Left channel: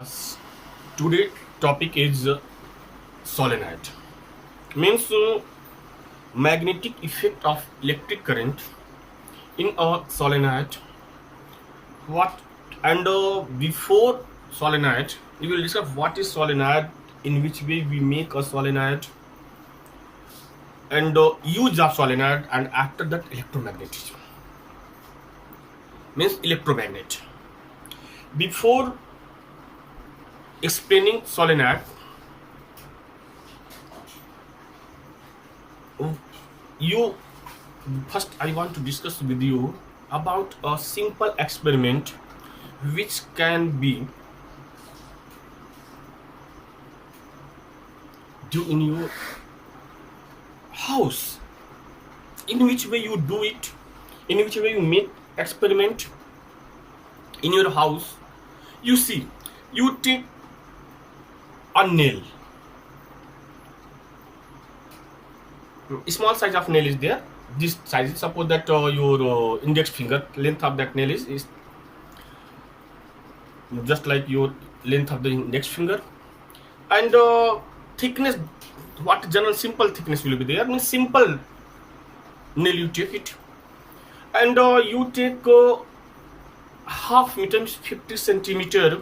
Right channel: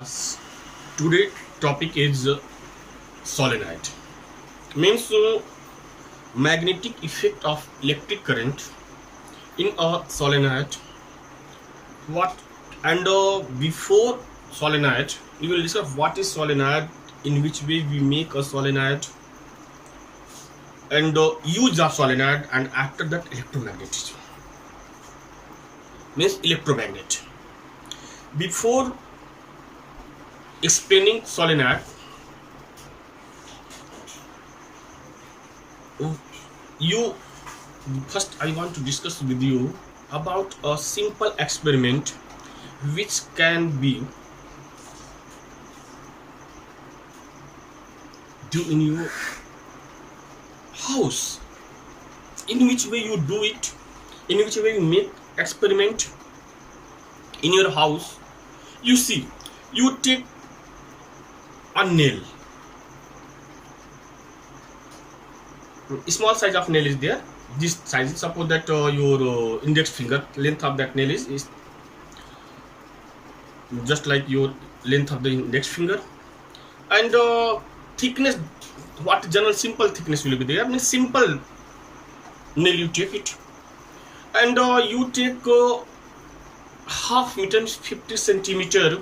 Yes. Today topic is solenoid. Means magnetic effect of electric current in a solenoid. What and before solenoid, we will discuss what is solenoid, in which way we make a solenoid, and use of solenoid, and after that electromagnetism. Means electromagnet. Before explaining solenoid, you first I want to discuss with you about a simple experiment which can be do in your house. In which way you do it, in which way you make experiment in your house. You see, you take a nail, small size of nail is there. This size, suppose that your index finger length of that nail is just like your length of the index finger, and thickness, what general simple thickness will be there. Means simple nail you take it, and you take half meter, means 50 centimeter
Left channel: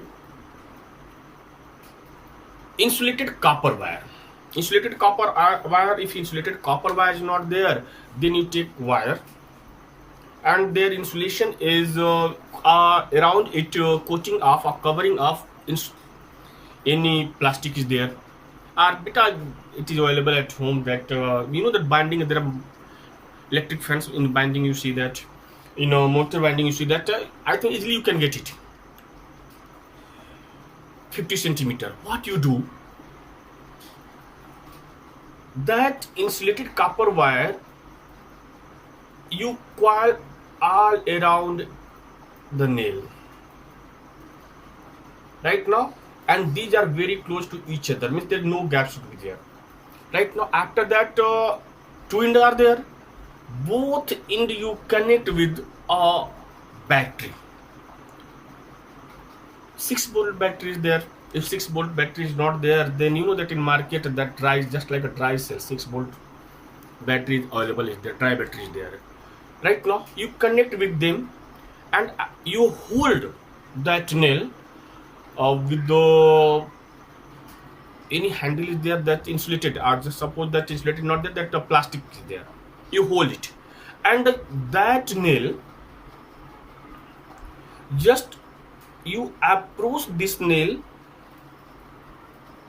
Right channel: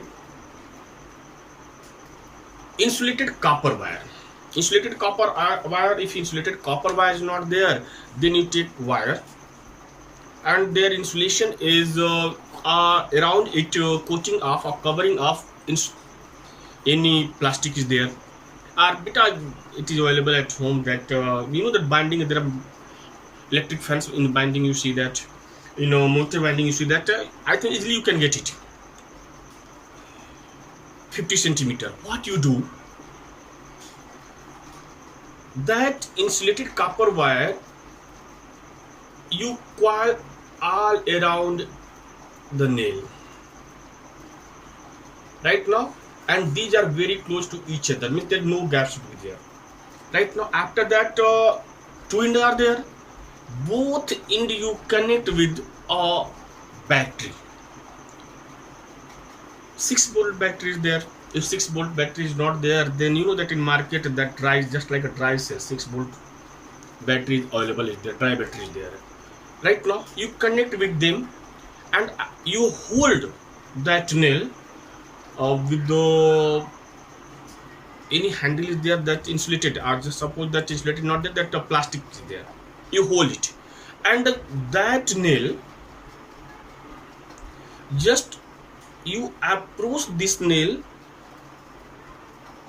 insulated copper wire. Insulated copper wire, if insulated copper wire is not there, then you take wire, and their insulation is around it, coating off or covering off any plastic is there, or beta it is available at home. That that binding, there are electric fans in the binding, you see that, motor binding, you see that. I think easily you can get it, 50 centimeter. What you do, that insulated copper wire you coil all around the nail right now, and these are very close to each other, means there no gaps should be there right now. After that, two ends are there, both end you connect with a battery. 6-volt battery is there. If 6-volt battery is not there, then you know that in market that dry, just like a dry cell, 6-volt battery is available, is there, dry battery is there. Right now you connect with them, and you hold that nail with the any handle is there that insulated, or just suppose that insulated not there, that plastic is there, you hold it, and that nail, just you approach this nail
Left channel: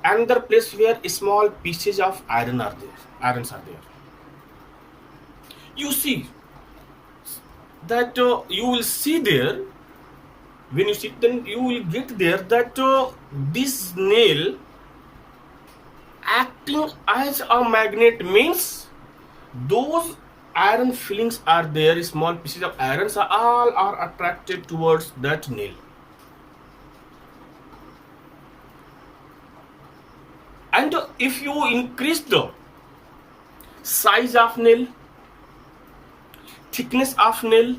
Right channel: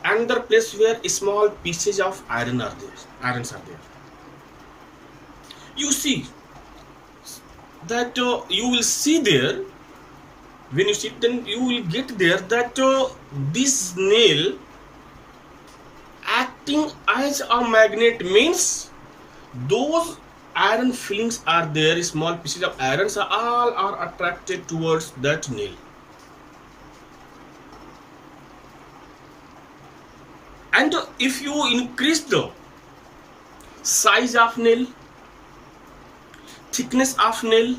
another place where small pieces of irons are there. You see that you will see there, when you see, then you will get there that this nail acting as a magnet, means those iron fillings are there, small pieces of irons are all are attracted towards that nail. And if you increase the size of nail, thickness of nail,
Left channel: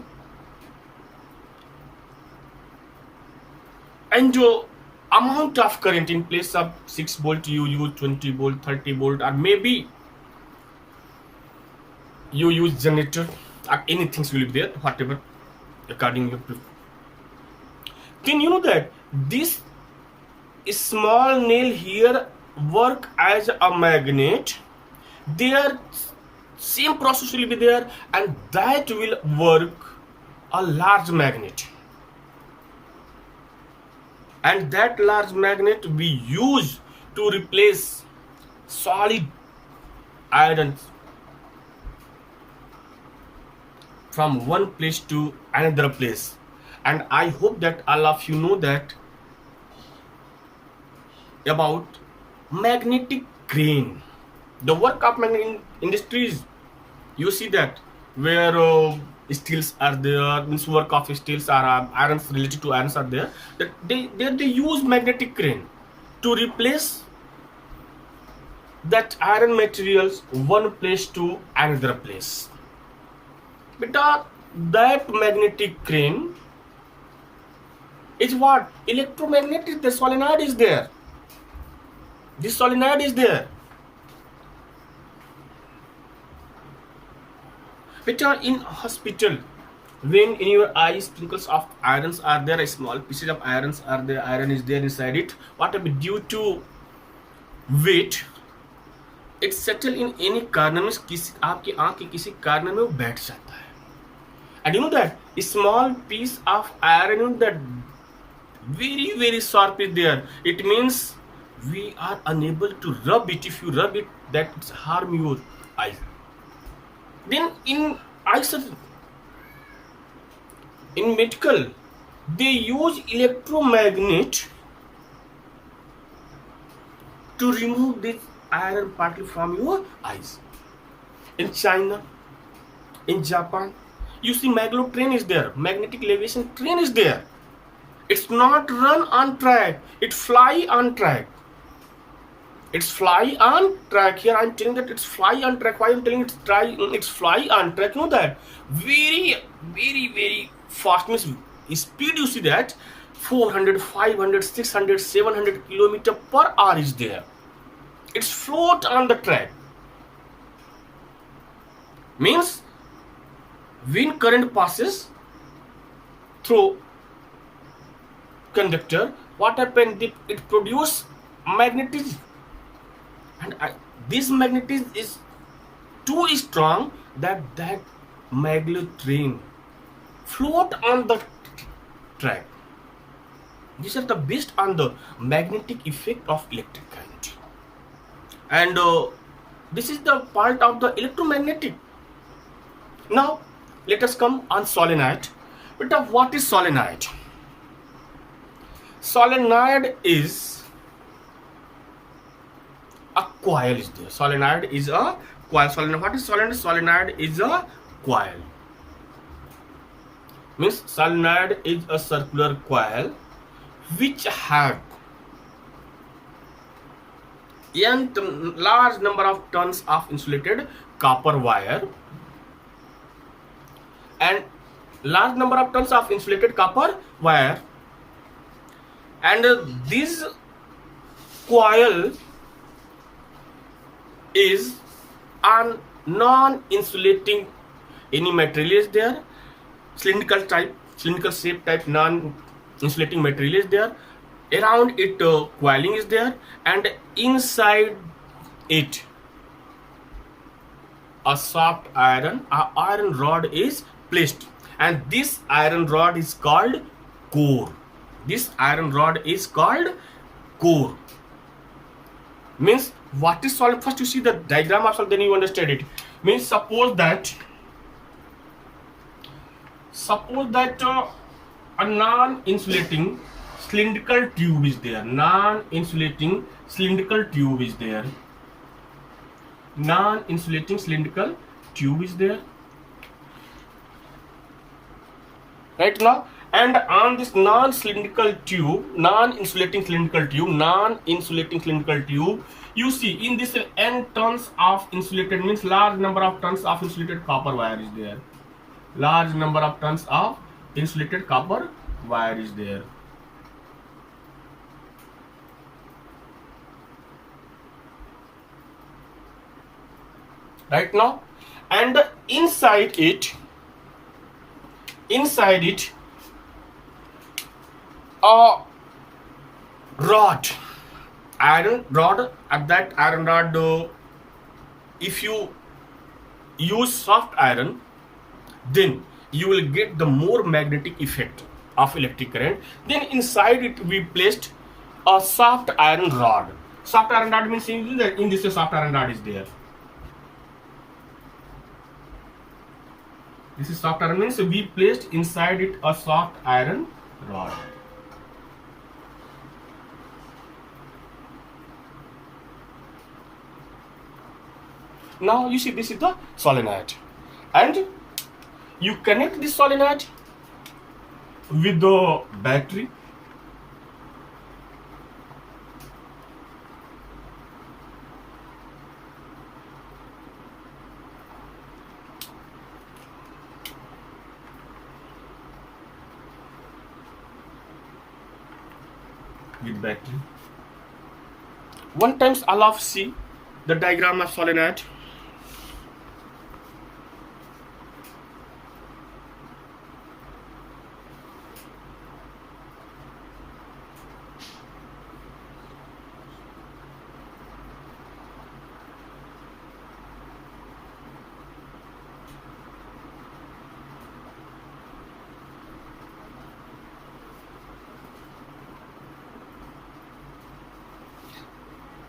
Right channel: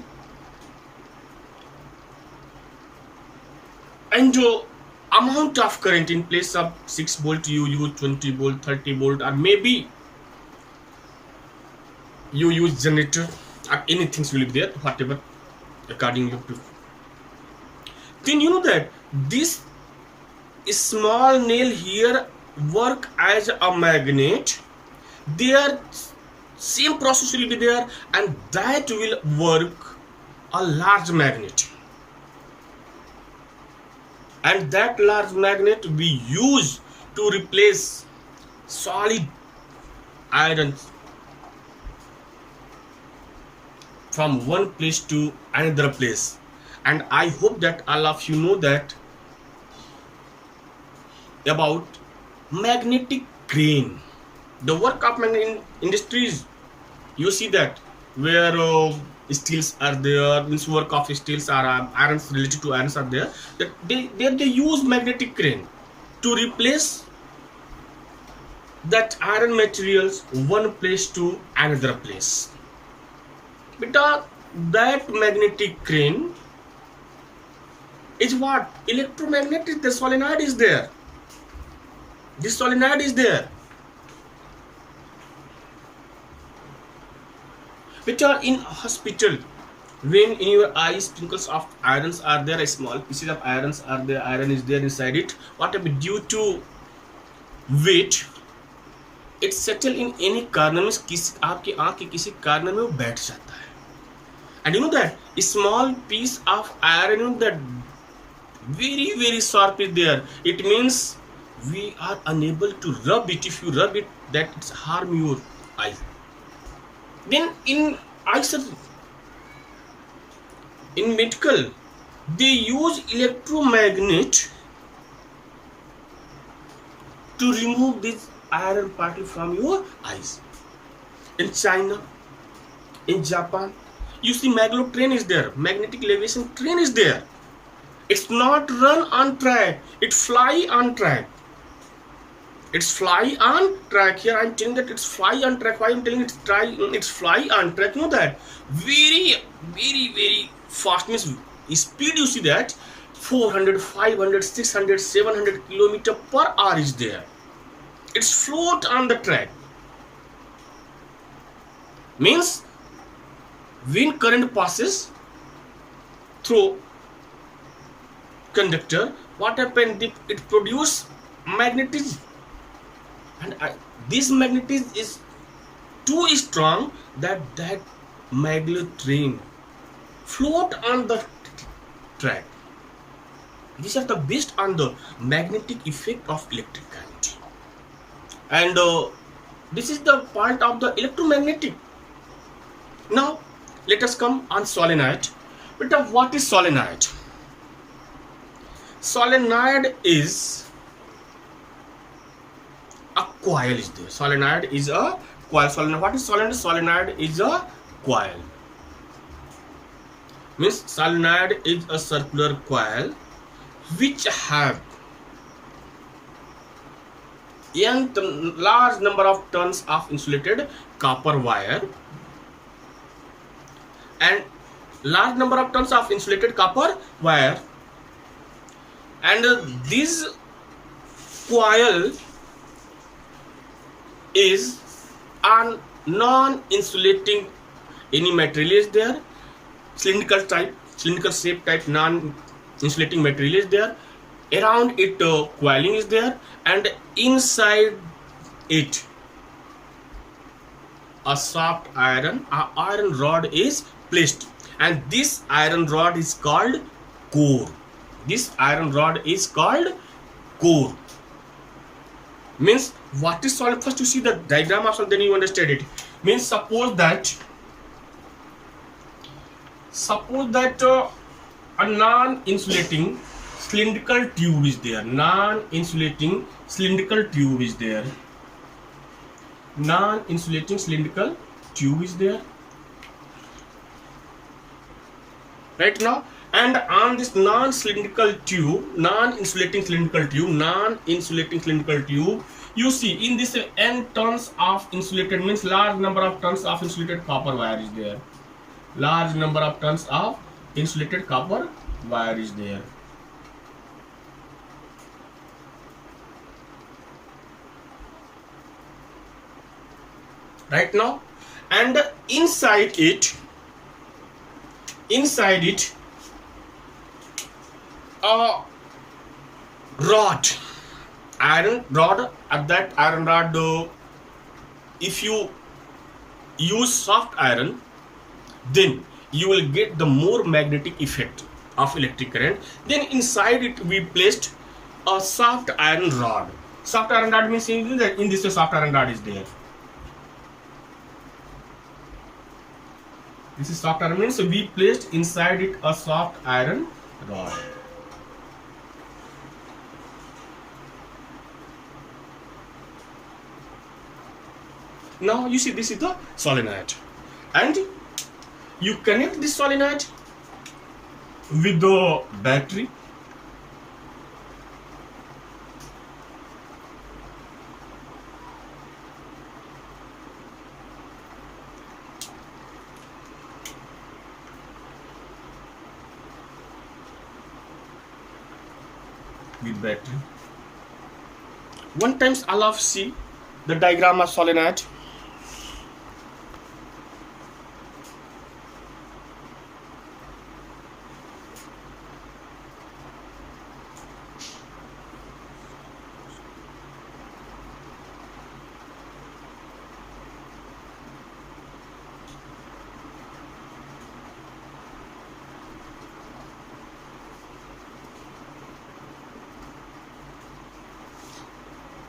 and amount of current, in place of 6-volt you use 20-volt, 30-volt, or maybe you use generator, or anything will be there, whatever according you prefer, then you know that this small nail here work as a magnet. Their same process will be there, and that will work a large magnet, and that large magnet we use to replace solid irons from one place to another place. And I hope that all of you know that about magnetic crane, the work of magnetic industries. You see that where steels are there, means work of steels are irons, related to irons are there, that they use magnetic crane to replace that iron materials one place to another place. But that magnetic crane is what? Electromagnetic. The solenoid is there. This solenoid is there. But in hospital, when in your eye sprinkles of irons are there, small pieces of irons are there, iron is there inside it, whatever, due to weight, it settle in any corner में, किसी आपकी आंख के किसी corner में वो बैठ जाता है. And you know that a small piece of iron, you know, that very very sharp is there. It means we are unable to rub it. If you rub it, that it's harm your eyes. Then in eye surgery, in medical, they use electromagnet to remove this iron particle from your eyes. In China, in Japan, you see maglev is there, magnetic levitation train is there. It's not run on track, it fly on track. It's fly on track. Here I'm telling that it's fly on track. Why I'm telling it's fly on track? Know that very very very fast, means speed, you see that 400, 500, 600, 700 kilometer per hour is there. It's float on the track. Means when current passes through conductor, what happened? It produce magnetism, and this magnetism is too strong that maglev train float on the track. These are the based on the magnetic effect of electric current, and this is the part of the electromagnetic. Now let us come on solenoid. But what is solenoid? Solenoid is a coil is there. Solenoid is a coil. Solenoid. What is solenoid? Solenoid is a coil. Means solenoid is a circular coil which have large number of tons of insulated copper wire and large number of tons of insulated copper wire, and this coil is on non-insulating any material is there, cylindrical shape type non-insulating material is there. Around it coiling is there, and inside it a soft iron rod is placed, and this iron rod is called core. This iron rod is called core. Means what is solid? First you see the diagram also, then you understand it. Means suppose that a non-insulating cylindrical tube is there. Non-insulating cylindrical tube is there. Non-insulating cylindrical tube is there. Right now, and on this non-insulating cylindrical tube, you see in this n tons of insulated, means large number of tons of insulated copper wire is there. Large number of tons of insulated copper wire is there. Right now, and inside it a rod, iron rod. At that iron rod, if you use soft iron, then you will get the more magnetic effect of electric current. Then inside it we placed a soft iron rod. Soft iron rod means that in this soft iron rod is there. This is soft iron, means we placed inside it a soft iron rod. Now you see this is the solenoid, and you connect this solenoid with the battery. with battery. One times allow see the diagram of solenoid.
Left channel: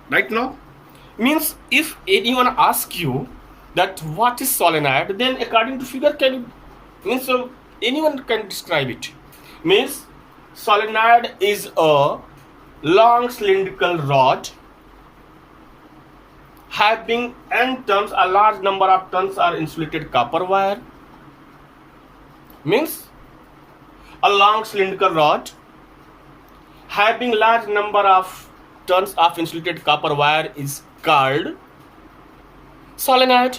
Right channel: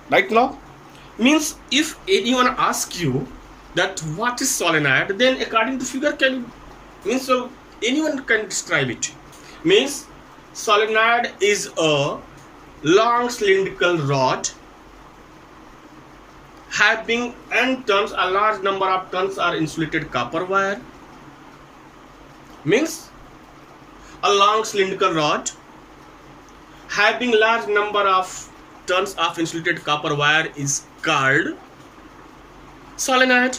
Right now, means if anyone asks you that what is solenoid, then according to figure can means anyone can describe it. Means solenoid is a long cylindrical rod having n turns, a large number of turns are insulated copper wire. Means a long cylindrical rod having large number of turns of insulated copper wire is called solenoid,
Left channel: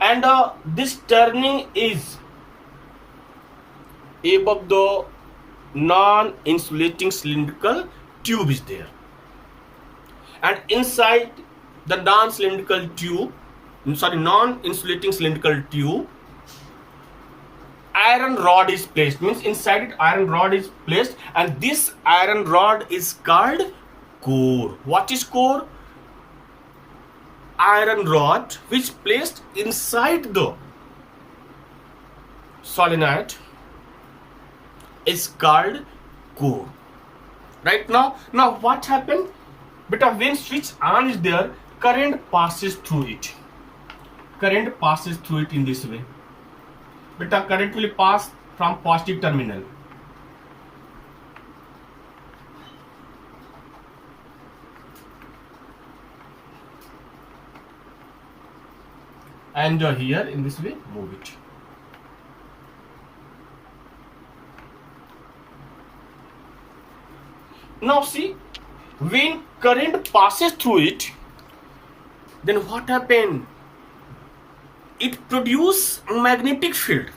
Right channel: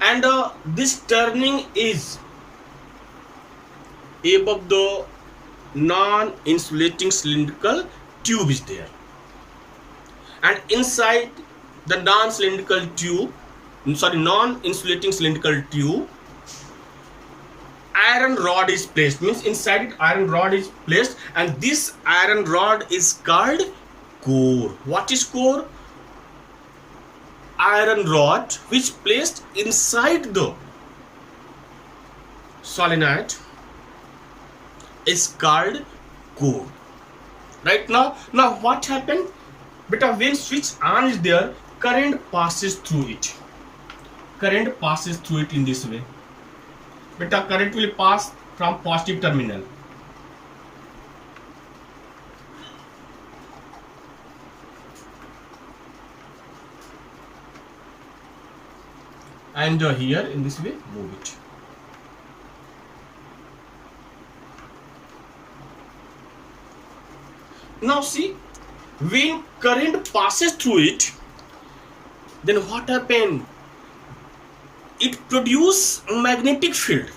and this turning is above the non-insulating cylindrical tube is there, and inside the non-insulating cylindrical tube iron rod is placed. Means inside it iron rod is placed, and this iron rod is called core. What is core? Iron rod which placed inside the solenoid is called core. Right now what happened? Beta, when switch on is there, current passes through it. Current passes through it in this way. Beta, current will pass from positive terminal. And here in this way move it. Now see, when current passes through it, then what happened? It produces magnetic field.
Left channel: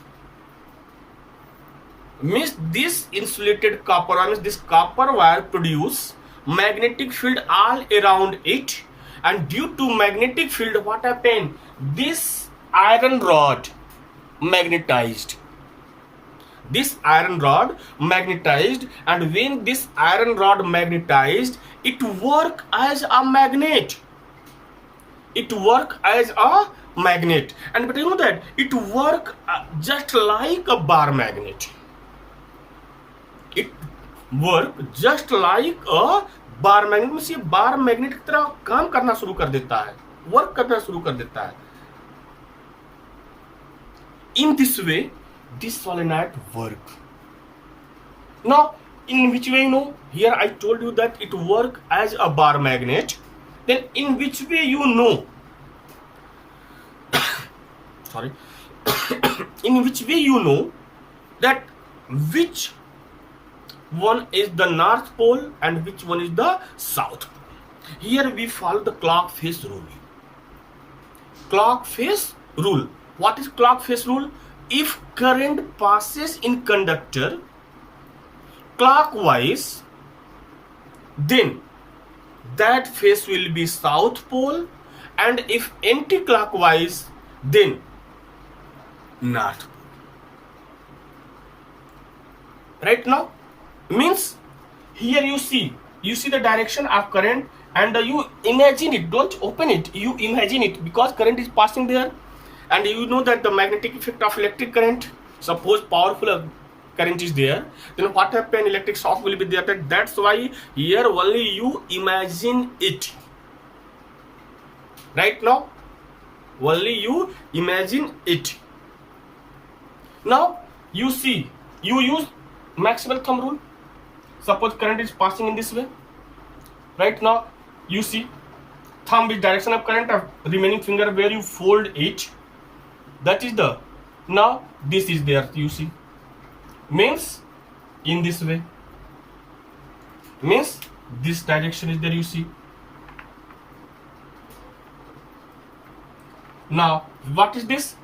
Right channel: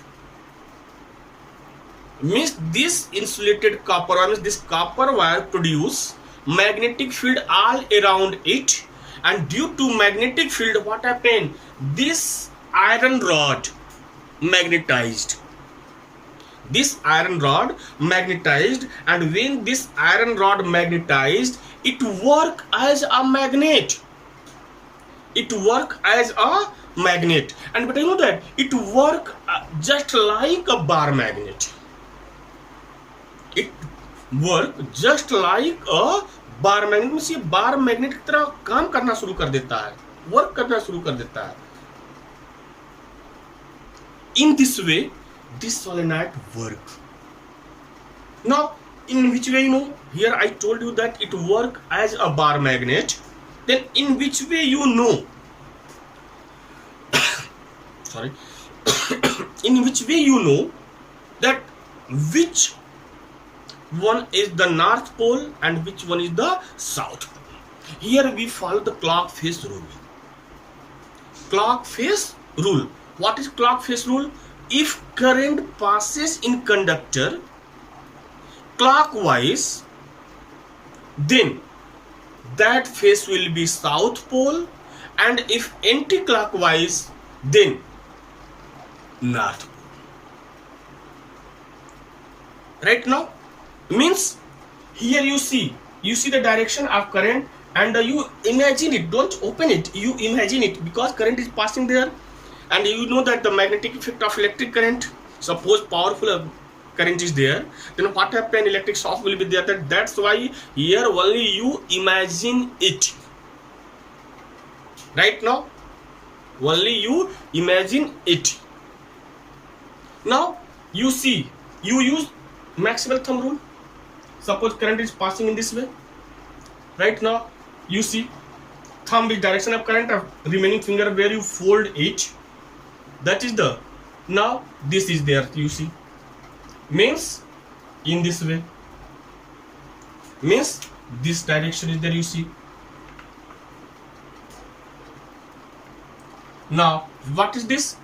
Means this insulated copper wire, means this copper wire produce magnetic field all around it, and due to magnetic field what happened? This iron rod magnetized. This iron rod magnetized, and when this iron rod magnetized, it work as a magnet. It work as a magnet, and but you know that it work just like a bar magnet. It work just like a bar magnet में, ये bar magnet की तरह काम करना शुरू कर देता है, वर्क करना शुरू कर देता है. In this way, this solenoid work. Now, in which way you know? Here I told you that it work as a bar magnet. Then in which way you know? Sorry. In which way you know that which one is the north pole and which one is the south pole? Here we follow the clock face rule. Clock face rule. What is clock face rule? If current passes in conductor clockwise, then that face will be south pole, and if anti-clockwise, then north pole. Right now, means here you see the direction of current, and you imagine it. Don't open it, you imagine it, because current is passing there, and you know that the magnetic effect of electric current, suppose powerful current is there, then what happen? Electric shock will be there. That's why here only you imagine it. Right now only you imagine it. Now you see, you use maximal thumb rule. Suppose current is passing in this way. Right now you see thumb is direction of current, of remaining finger where you fold it, that is the, now this is there, you see, means in this way, means this direction is there, you see. Now what is this?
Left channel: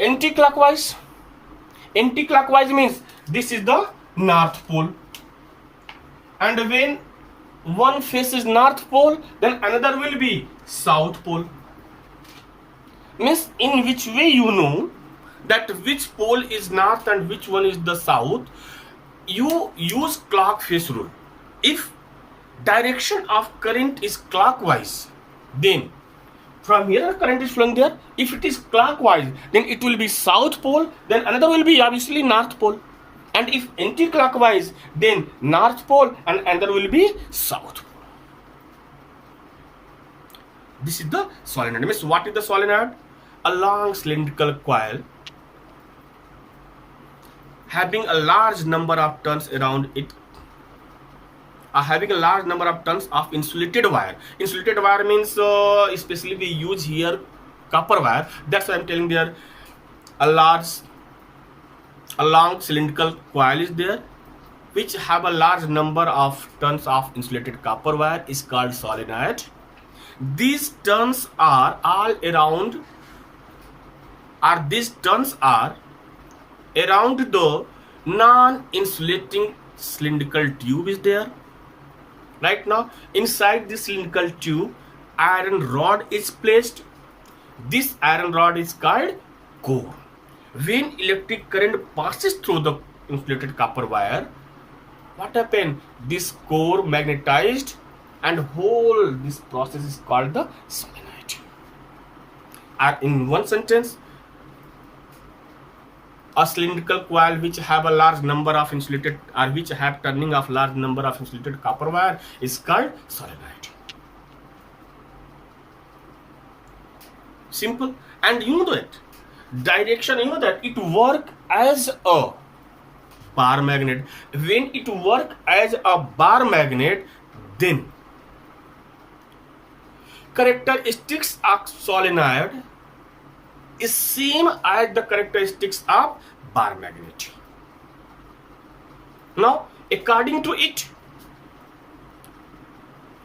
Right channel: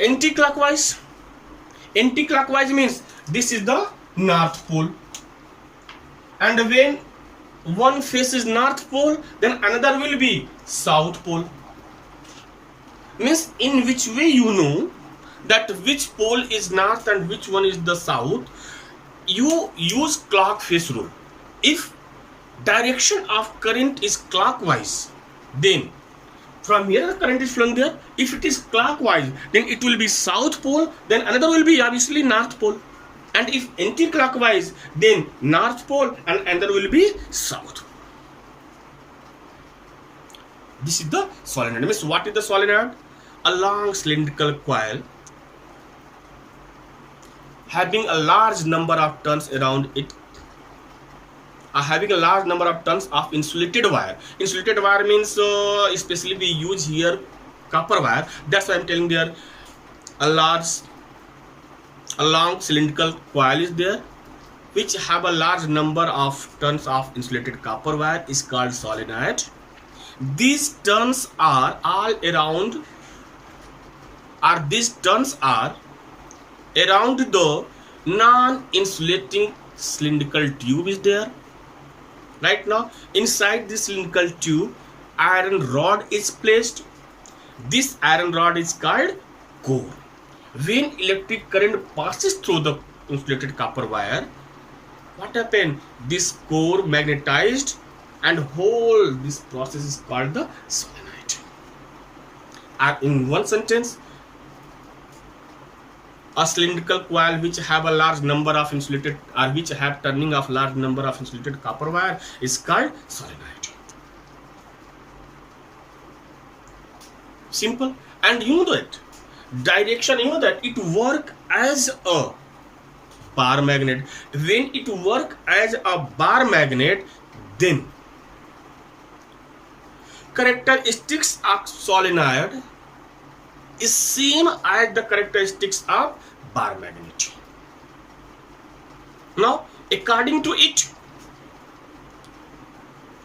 Anti-clockwise. Anti-clockwise means this is the north pole. and when one faces north pole, then another will be south pole. Means in which way you know that which pole is north and which one is the south? You use clock face rule. If direction of current is clockwise, then from here the current is flowing there. If it is clockwise, then it will be south pole, then another will be obviously north pole. And if anti-clockwise, then north pole and another will be south pole. This is the solenoid. Means what is the solenoid? A long cylindrical coil having a large number of turns around it, having a large number of turns of insulated wire. Insulated wire means especially we use here copper wire. That's why I'm telling there a long cylindrical coil is there which have a large number of turns of insulated copper wire is called solenoid. These turns are all around, or these turns are around the non-insulating cylindrical tube is there. Right now inside this cylindrical tube iron rod is placed. This iron rod is called core. When electric current passes through the insulated copper wire, what happened? This core magnetized and whole this process is called the solenoid. In one sentence, a cylindrical coil which have a large number of insulated, or which have turning of large number of insulated copper wire is called solenoid. Simple. And you know that direction, you know that it work as a bar magnet. When it work as a bar magnet, then characteristics of solenoid is same as the characteristics of bar magnet. Now, according to it,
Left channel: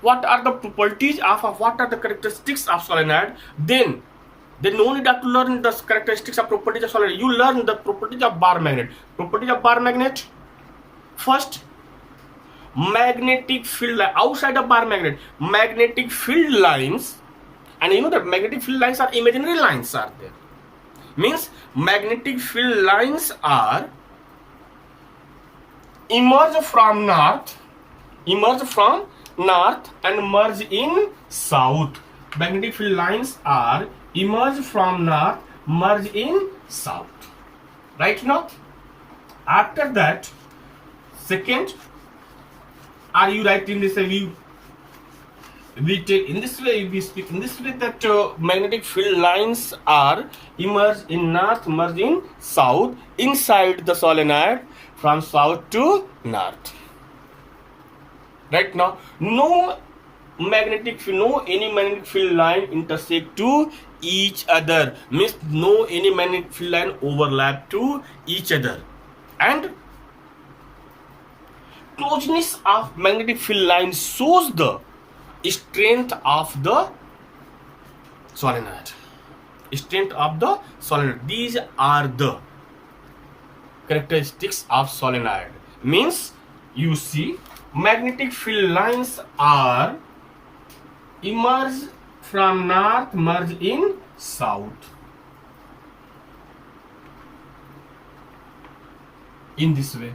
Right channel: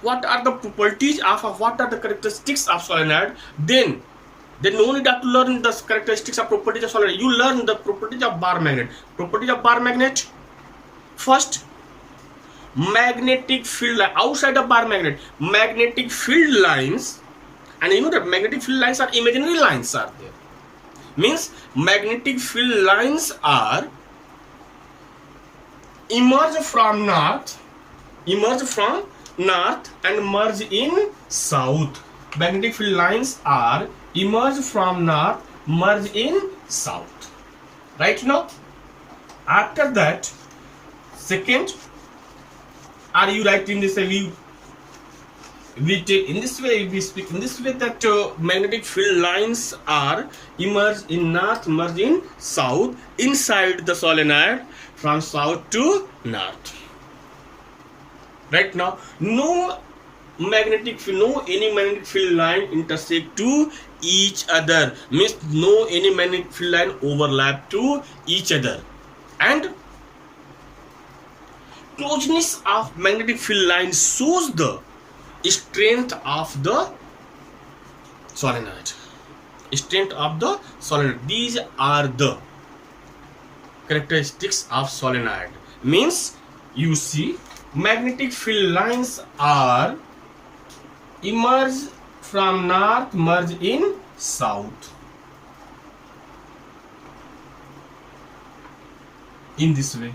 what are the properties of what are the characteristics of solenoid? Then no need to learn the characteristics of properties of solenoid. You learn the properties of bar magnet. Properties of bar magnet. First, magnetic field outside of bar magnet, magnetic field lines, and you know that magnetic field lines are imaginary lines are there. Means magnetic field lines are emerge from north and merge in south. Magnetic field lines are emerge from north, merge in south. Right now, after that, second, are you right in this way? We take in this way, we speak in this way that magnetic field lines are emerge in north, merge in south inside the solenoid from south to north. Right now, no any magnetic field line intersect to each other. Means no any magnetic field line overlap to each other. And closeness of magnetic field line shows the strength of the solenoid. Strength of the solenoid. These are the characteristics of solenoid. Means you see magnetic field lines are emerge from north, merge in south. In this way.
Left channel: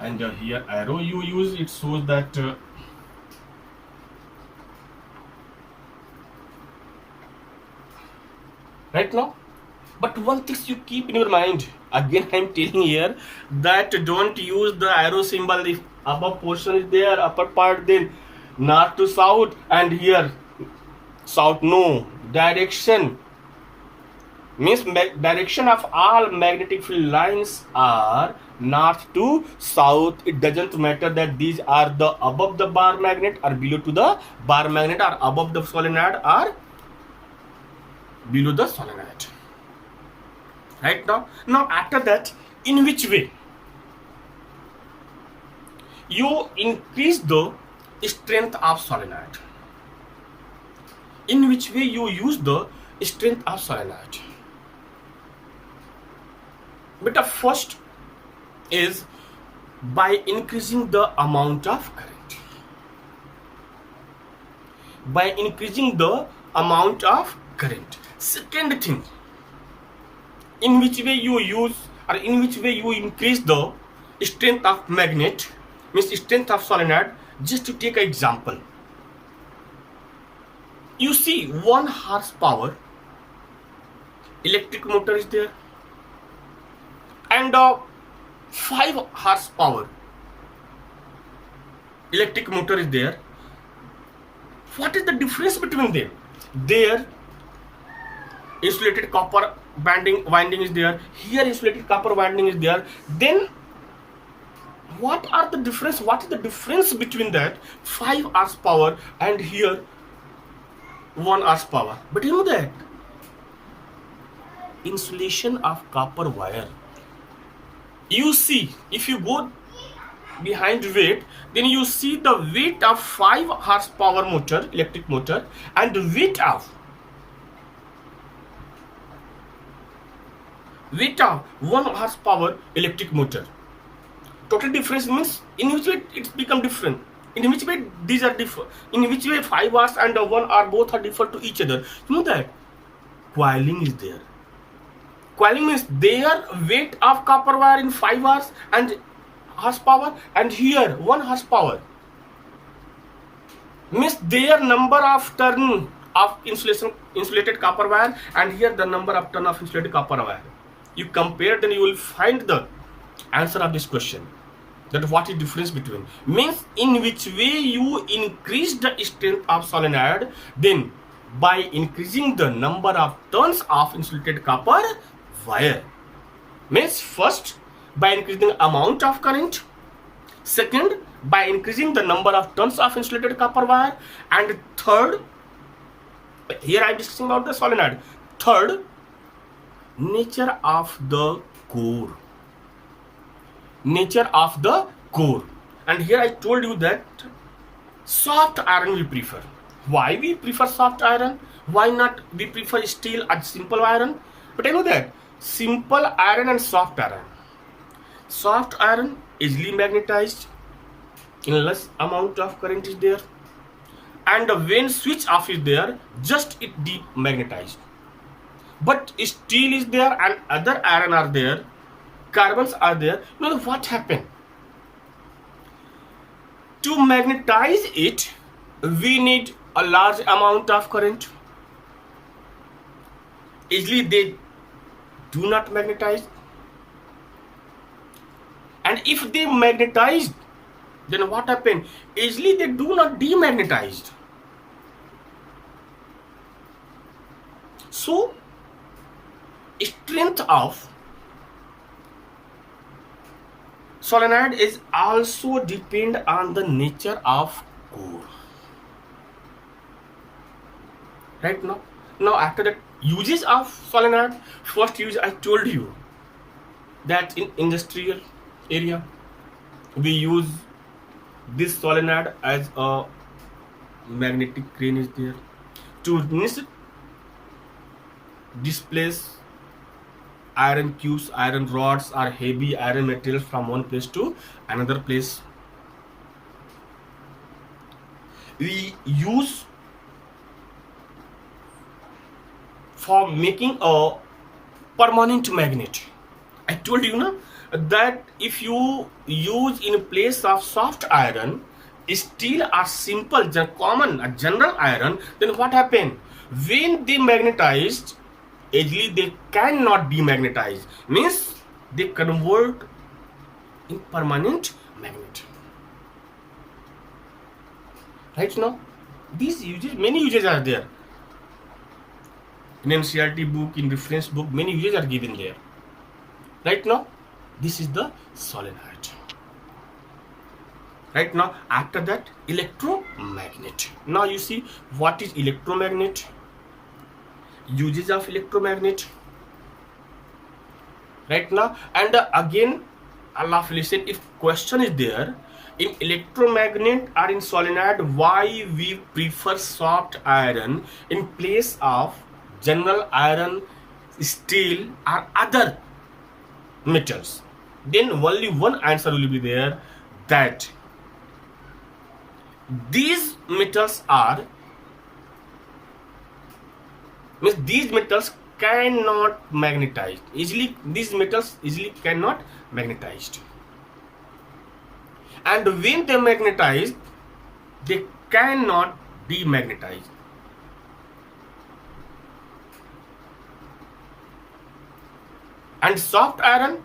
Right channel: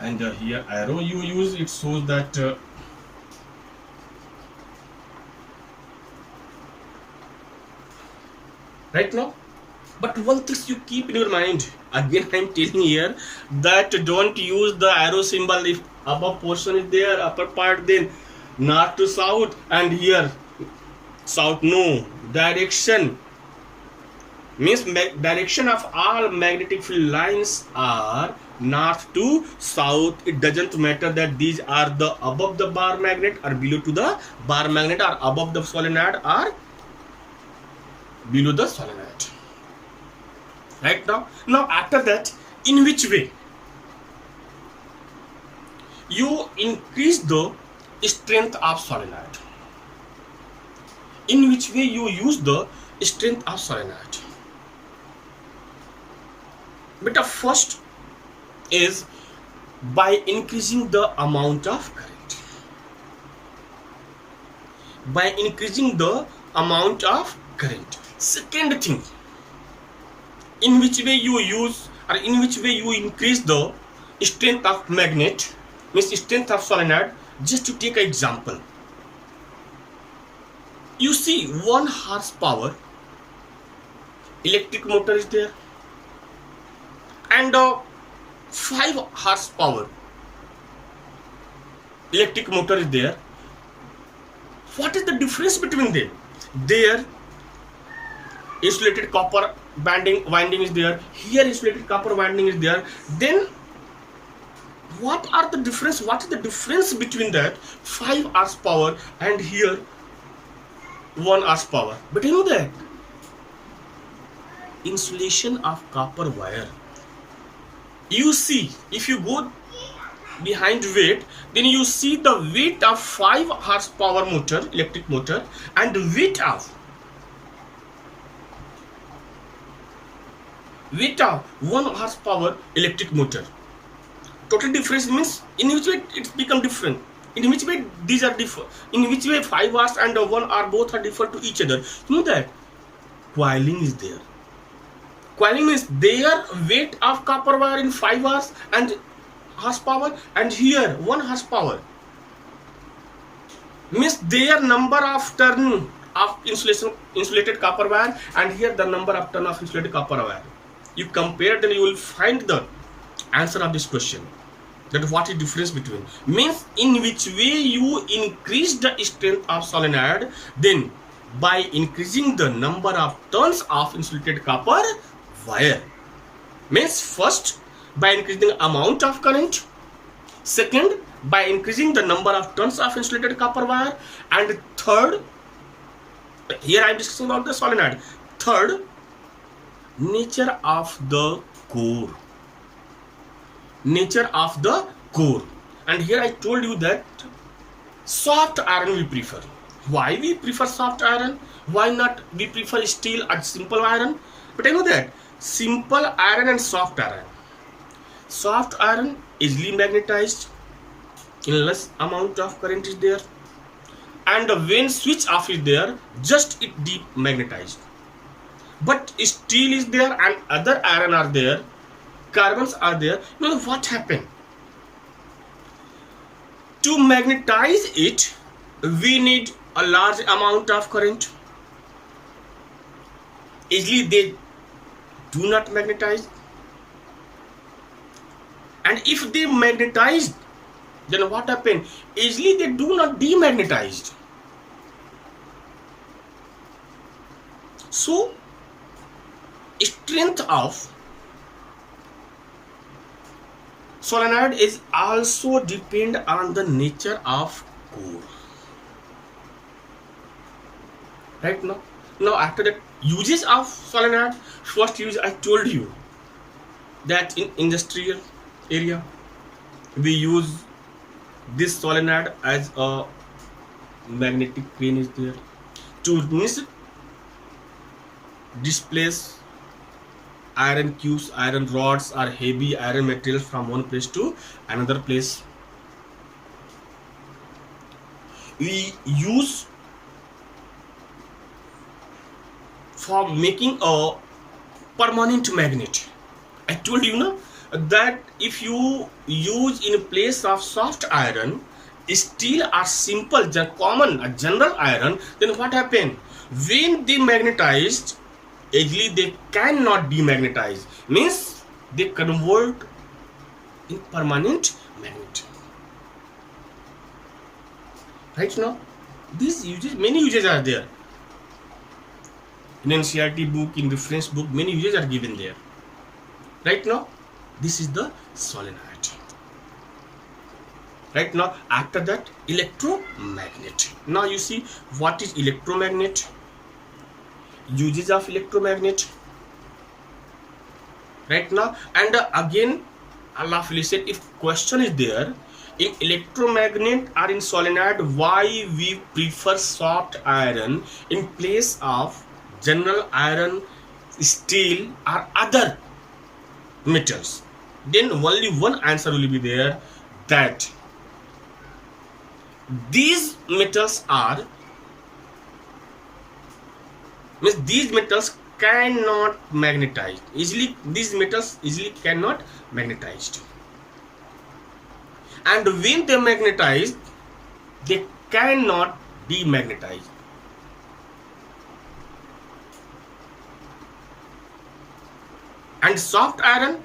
And here arrow you use, it shows that right now. But one thing you keep in your mind, again I'm telling here that don't use the arrow symbol if above portion is there, upper part, then north to south, and here south. No, direction means direction of all magnetic field lines are north to south. It doesn't matter that these are the above the bar magnet or below to the bar magnet, or above the solenoid or below the solenoid. Right now after that, in which way you increase the strength of solenoid? In which way you use the strength of solenoid? But the first is by increasing the amount of current. By increasing the amount of current. Second thing, in which way you use or in which way you increase the strength of magnet, means strength of solenoid. Just to take an example, you see 1 horsepower electric motor is there and 5 horsepower electric motor is there. What is the difference between them? There insulated copper winding is there, here insulated copper winding is there. Then what are the difference? What is the difference between that 5 horsepower and here 1 horsepower? But you know that insulation of copper wire, you see, if you go behind weight, then you see the weight of 5 horsepower motor electric motor and the weight of 1 horsepower electric motor. Total difference means in which way it's become different, in which way these are different, in which way 5 hours and 1 are both are different to each other. You know that coiling is there. Coiling means their weight of copper wire in 5 hours and horsepower and here 1 horsepower means their number of turn of insulated copper wire and here the number of turn of insulated copper wire. You compare, then you will find the answer of this question, that what is difference between, means in which way you increase the strength of solenoid, then by increasing the number of turns of insulated copper wire. Means first by increasing the amount of current, second by increasing the number of turns of insulated copper wire, and third, here I am discussing about the solenoid, third, nature of the core. Nature of the core. And here I told you that soft iron we prefer. Why we prefer soft iron? Why not we prefer steel or simple iron? But I know that simple iron and soft iron easily magnetized, in less amount of current is there, and when switch off is there, just it demagnetized. But steel is there and other iron are there, carbons are there. You know what happened? To magnetize it, we need a large amount of current. Easily they do not magnetize. And if they magnetize, then what happened? Easily they do not demagnetize. So strength of solenoid is also depend on the nature of core. Right now after that, uses of solenoid. First use, I told you that in industrial area we use this solenoid as a magnetic crane is there to displace iron cubes, iron rods or heavy iron material from one place to another place. We use for making a permanent magnet. I told you na, that if you use in place of soft iron steel or simple common general iron, then what happened? When they magnetized, easily they cannot demagnetize, means they convert in permanent magnet. Right now, these uses, many uses are there. In NCERT book, in reference book, many uses are given there. Right now, this is the solenoid. Right now, after that, electromagnet. Now you see what is electromagnet, uses of electromagnet. Right now, and again, Allah listen, if question is there, in electromagnet or in solenoid, why we prefer soft iron in place of general iron, steel or other metals, then only one answer will be there, that these metals are, means these metals cannot magnetize easily, these metals easily cannot magnetized, and when they magnetize they cannot demagnetize. And soft iron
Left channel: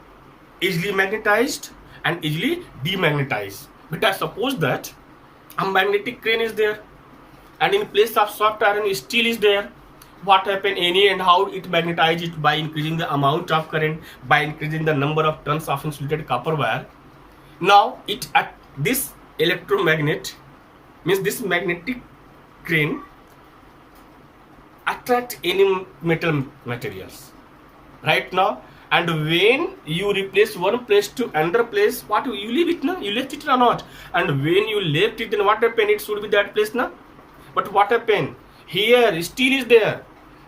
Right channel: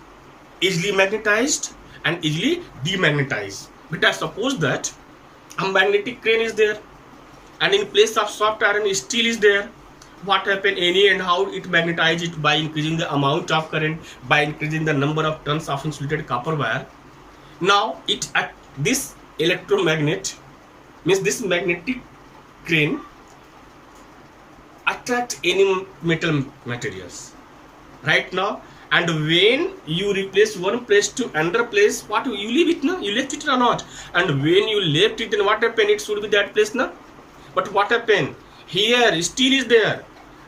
easily magnetized and easily demagnetized. But I suppose that a magnetic crane is there, and in place of soft iron steel is there. What happen any and how it magnetize it? By increasing the amount of current, by increasing the number of turns of insulated copper wire. Now it at this electromagnet, means this magnetic crane attract any metal materials right now. And when you replace one place to another place, what you leave it now? You left it or not? And when you left it, then what happened? It should be that place now. But what happened? Here steel is there,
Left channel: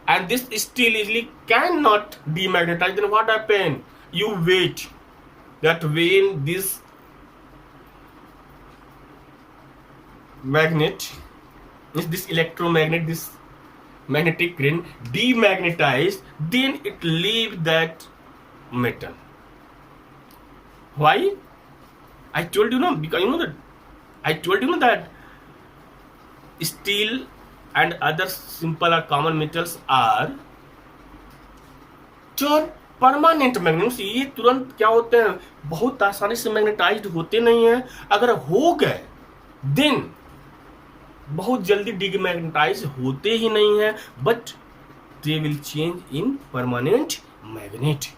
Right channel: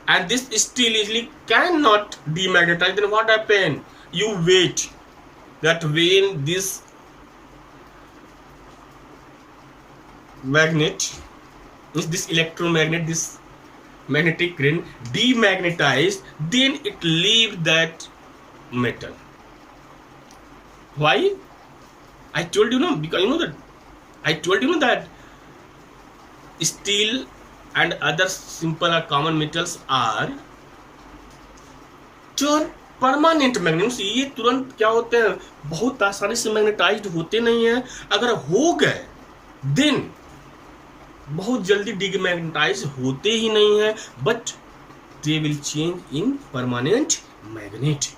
and this steel easily cannot demagnetize. Then what happened? You wait that when this magnet, is this electromagnet, this magnetic crane demagnetized, then it leaves that metal. Why? I told you no, because you know that I told you that steel and other simple or common metals are जो permanent magnet, ये तुरंत क्या होते हैं, बहुत आसानी से magnetised होते नहीं हैं. अगर हो गए देन बहुत जल्दी डिमैग्नेटाइज होते ही नहीं है, but they will change in permanent magnet.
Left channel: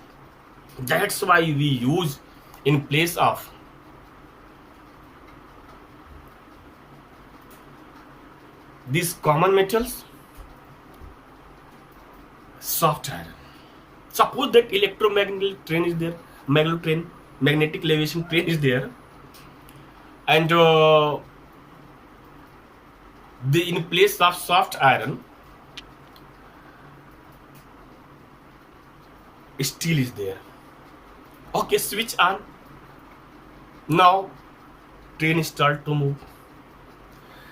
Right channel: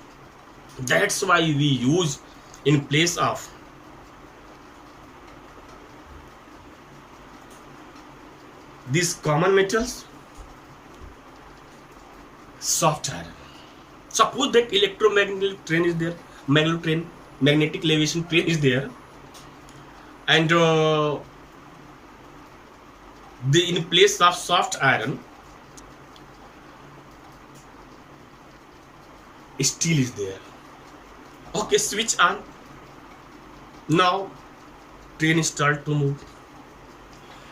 That's why we use in place of these common metals soft iron. Suppose that electromagnetic train is there, magnetic levitation train is there, and in place of soft iron steel is there. Okay, switch on. Now train start to move,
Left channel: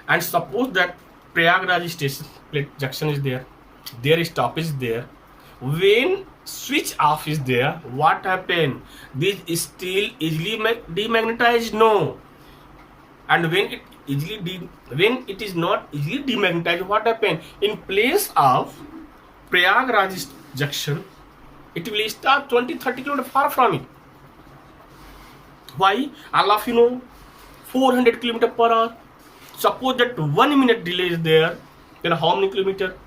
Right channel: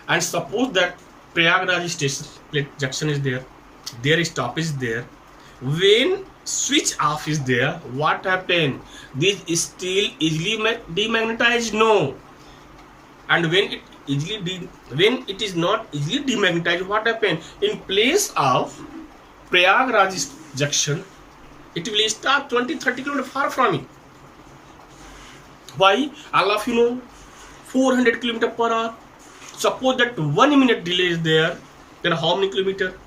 and suppose that Prayagraj station plate junction is there, their stop is there. When switch off is there, what happen? This steel easily demagnetized? No. And when it is not easily demagnetized, what happen? In place of Prayagraj junction, it will start 20-30 km far from it. Why? All of you know 400 km per hour. Suppose that 1 minute delay is there, then how many kilometer?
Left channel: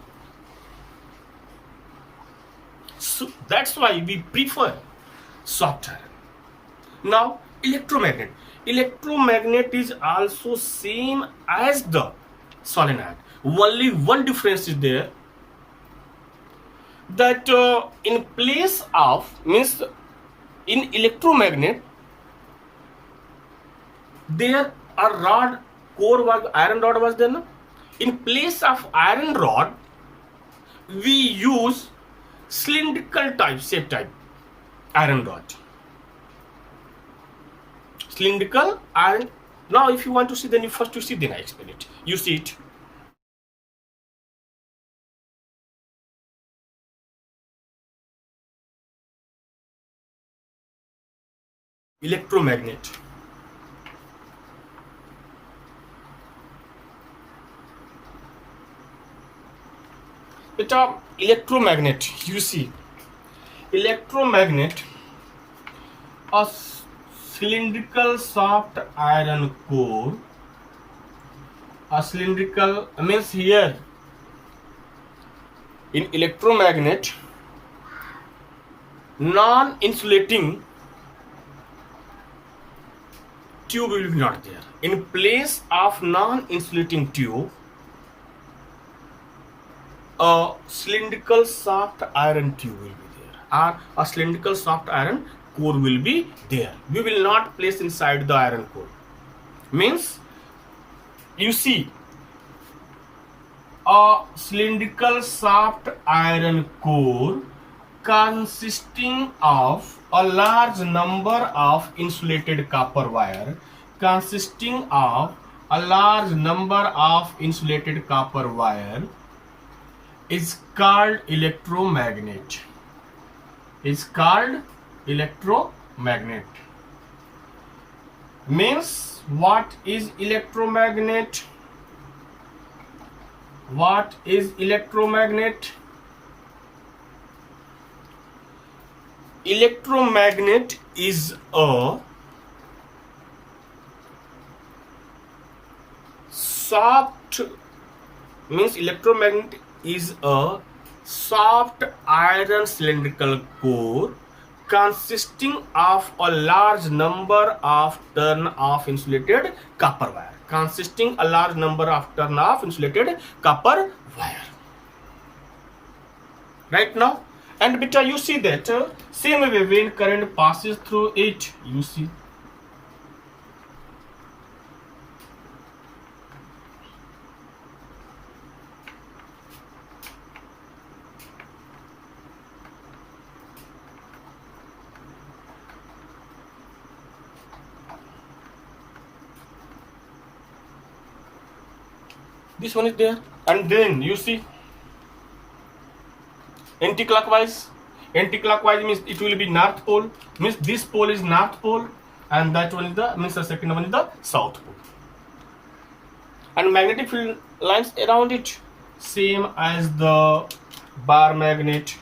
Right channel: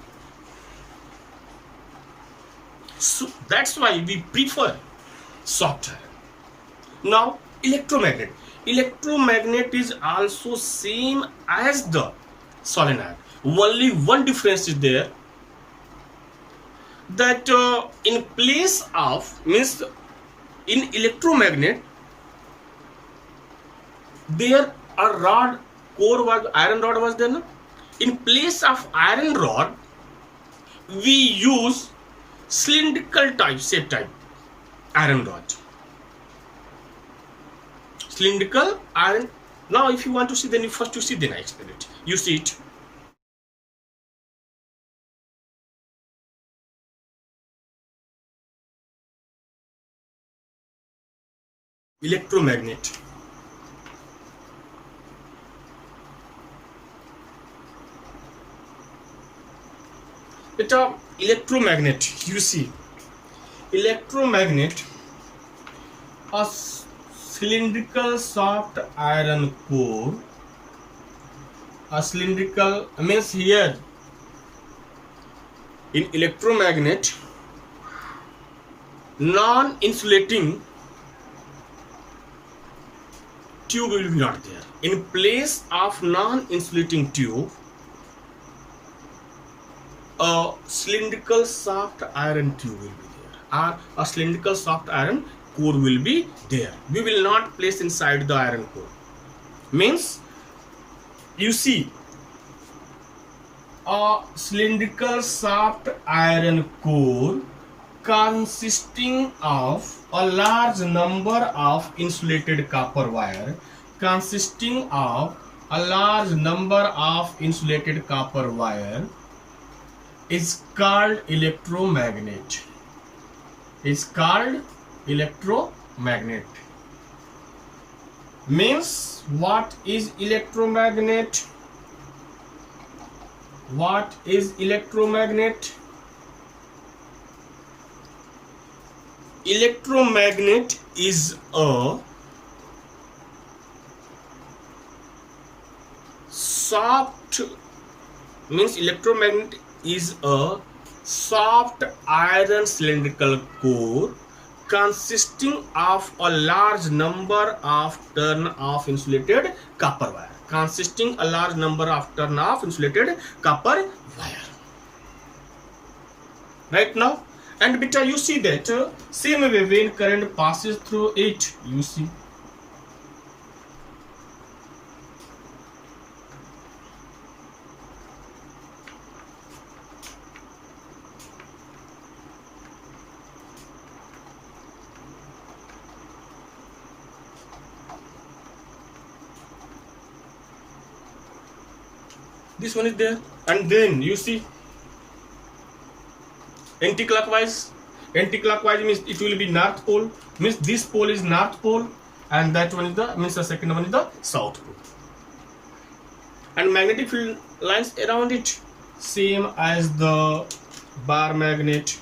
So that's why we prefer soft iron. Now electromagnet. Electromagnet is also same as the solenoid. Only one difference is there, that in place of, means in electromagnet there a rod, core was iron rod was there, no? In place of iron rod we use cylindrical type, shape type iron rod, cylindrical iron. Now if you want to see, then you first to see, then I explain it. You see it. Electromagnet. Electromagnet, you see, electromagnet, a cylindrical soft iron core, a cylindrical, means here in electromagnet non-insulating tube will be not there. In place of non-insulating tube, a cylindrical soft iron tube will be there, or a cylindrical soft iron core will be there. We will not place inside the iron core. Means you see, a cylindrical soft iron core consisting of a large number of insulated copper wire, consisting of a large number of insulated copper wire is called electromagnet. Is called electromagnet. Means what is electromagnet? What is electromagnet? Electromagnet is a soft, means electromagnet is a soft iron cylindrical core consisting of a large number of turn of insulated copper wire. Consisting a large number of turn of insulated copper wire. Right now, and beta, you see that same way when current passes through it, you see. This one is there, and then you see anti-clockwise. Anti-clockwise means it will be north pole, means this pole is north pole, and that one is the, means the second one is the south pole. And magnetic field lines around it, same as the bar magnet.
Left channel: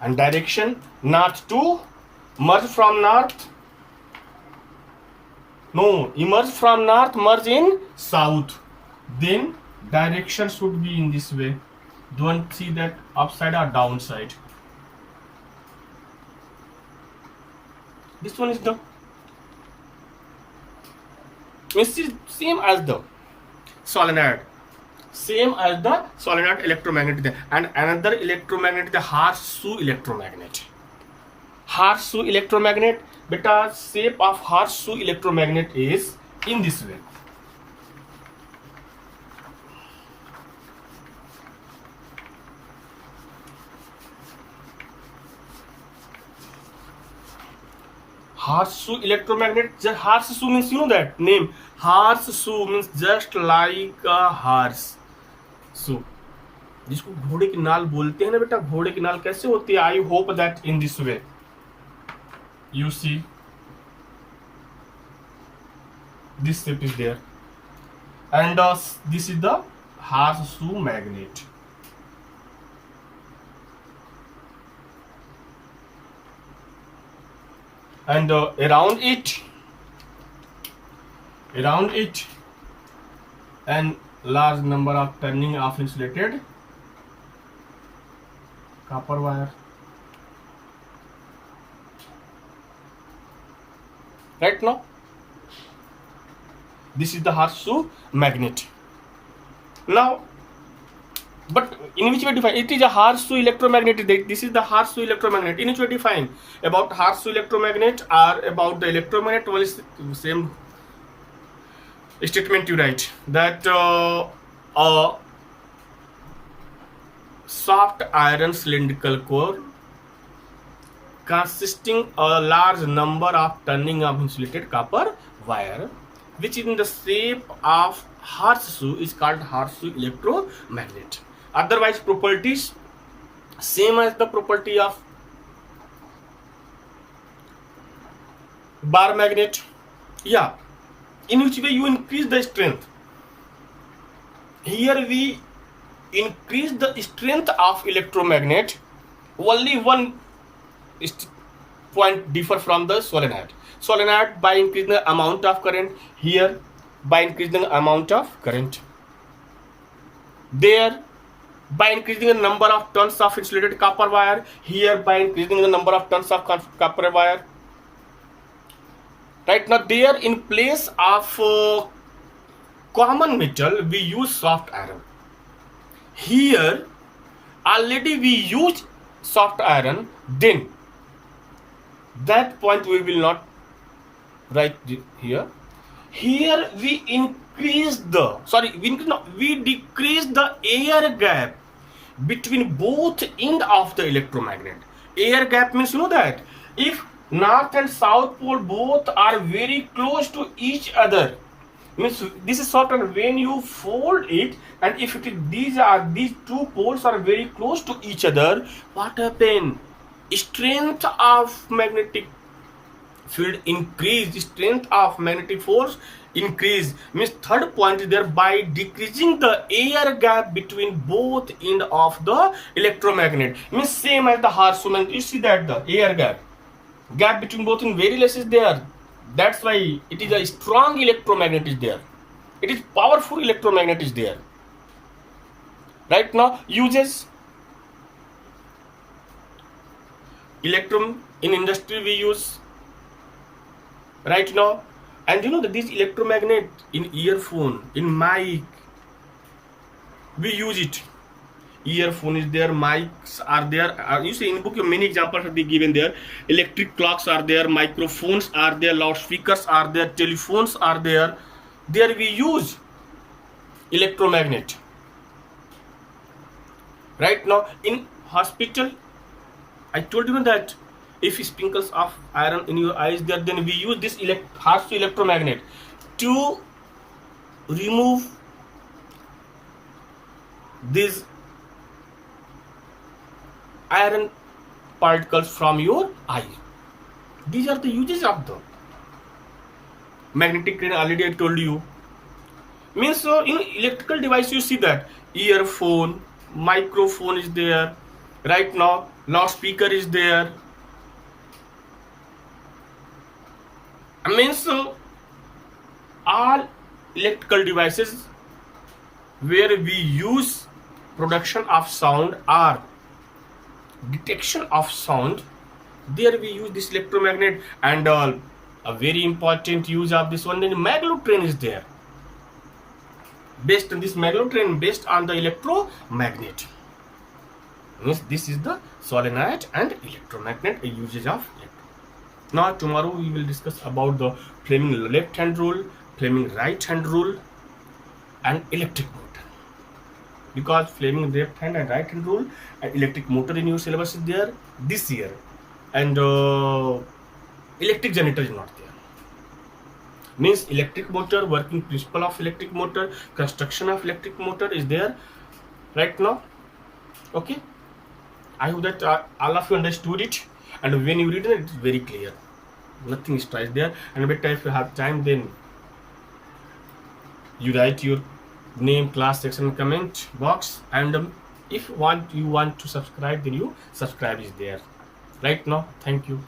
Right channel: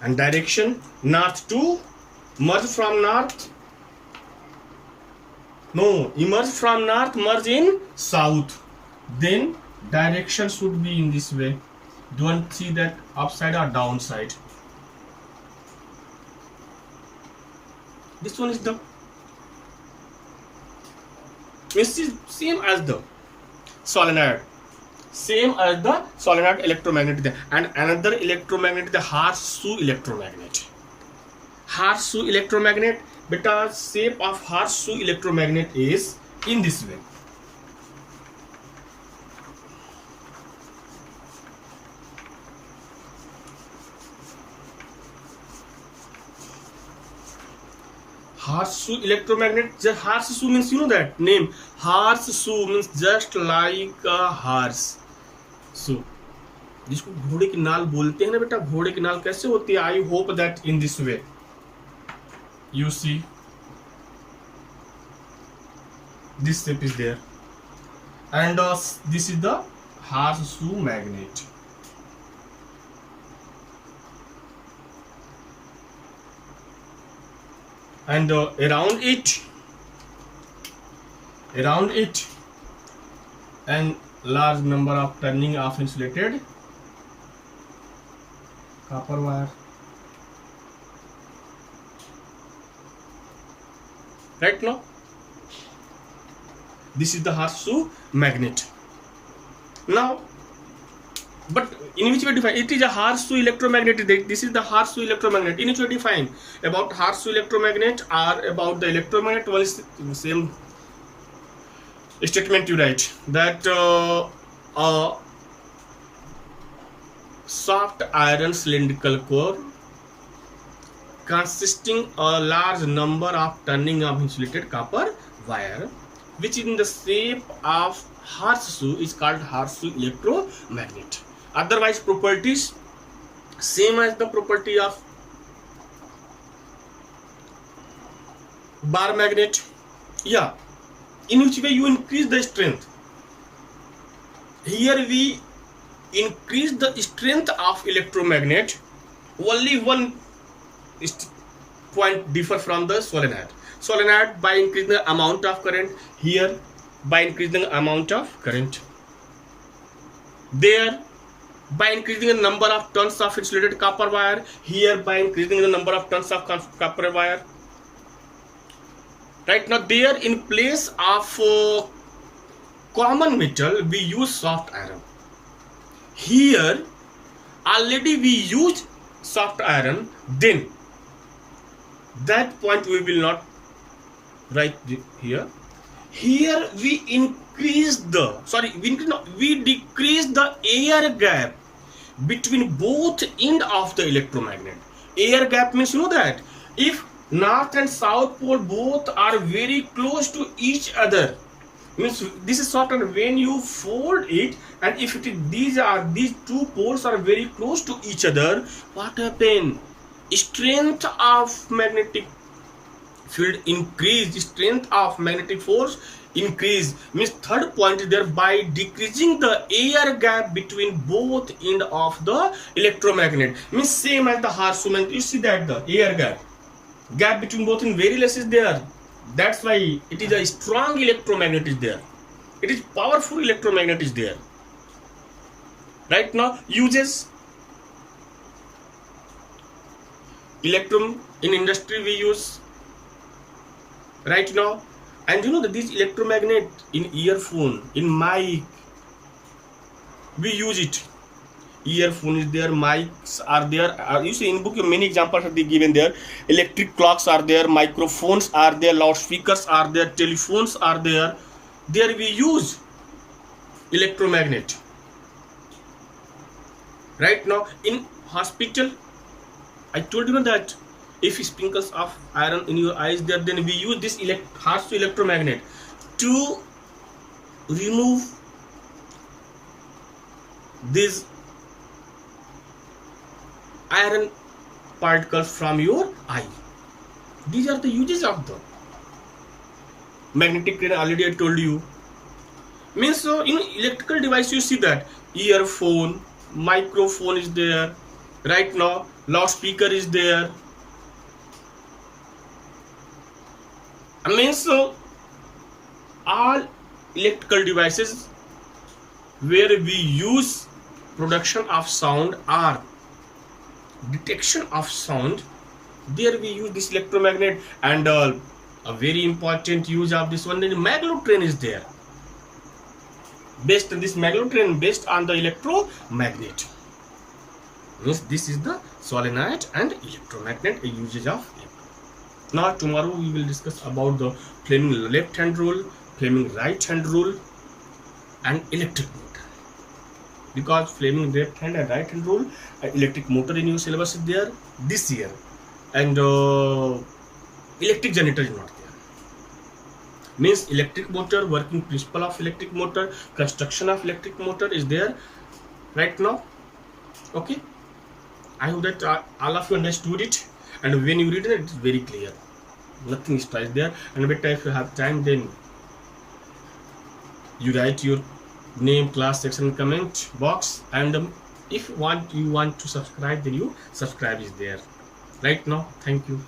And direction north to merge from north. No, emerge from north, merge in south. Then direction should be in this way. Don't see that upside or downside. This one is the, this is same as the solenoid. Same as the solenoid electromagnet. And another electromagnet, the horseshoe electromagnet. Horseshoe electromagnet, beta, shape of horseshoe electromagnet is in this way. Horseshoe electromagnet. Horseshoe means, you know that name. Horseshoe means just like a horse. So, जिसको घोड़े की नाल बोलते हैं ना बेटा, घोड़े की नाल कैसे होती है? I hope that in this way. You see, this shape is there, and this is the horseshoe magnet. And around it, and large number of turning of insulated copper wire. Right now, this is the horseshoe magnet. Now, but in which way define? It is a horseshoe electromagnet. This is the horseshoe electromagnet. In which way define? About horseshoe electromagnet or about the electromagnet, one is same statement you write, that a soft iron cylindrical core consisting a large number of turning of insulated copper wire, which in the shape of horseshoe is called horseshoe electromagnet. Otherwise properties same as the property of bar magnet. Yeah, in which way you increase the strength. Here we increase the strength of electromagnet. Only one point differ from the solenoid. Solenoid by increasing the amount of current. Here by increasing the amount of current. There by increasing the number of turns of insulated copper wire. Here by increasing the number of turns of copper wire. Right now, there in place of common metal we use soft iron. Here already we use soft iron, then that point we will not write here. Here we increase the, we decrease the air gap between both end of the electromagnet. Air gap means, you know that if north and south pole both are very close to each other, means this is soft iron. When you fold it, and if these two poles are very close to each other, what happen? Strength of magnetic field increase, strength of magnetic force increase. Means third point is there, by decreasing the air gap between both end of the electromagnet. Means same as the Harshal magnet, you see that the air gap between both in very less is there. That's why it is a strong electromagnet is there. It is powerful electromagnet is there. Right now, uses electrum in industry we use right now, and you know that these electromagnet in earphone, in mic, we use it. Earphone is there, mics are there. You see in book many examples are given there. Electric clocks are there, microphones are there, loudspeakers are there, telephones are there. There we use electromagnet. Right now in hospital, I told you that if sprinkles of iron in your eyes there, then we use this harsh electromagnet to remove these iron particles from your eye. These are the uses of the magnetic crane. Already I told you. Means electrical device, you see that earphone, microphone is there. Right now loudspeaker is there. Means all electrical devices where we use production of sound or detection of sound, there we use this electromagnet. And a very important use of this one, then magnetron is there. Based on this magnetron, based on the electromagnet. Means this is the solenoid and electromagnet usage of electron. Now tomorrow we will discuss about the Fleming left hand rule, Fleming right hand rule, and electric motor. Because Fleming left hand and right hand rule and electric motor in your syllabus is there this year, and electric generator is not there. Means electric motor, working principle of electric motor, construction of electric motor is there right now. Okay, I hope that all of you understood it, and when you read it, it's very clear. Nothing is twice there. And better if you have time, then you write your name, class, section, comment box, and if you want to subscribe, then you subscribe is there right now. Thank you.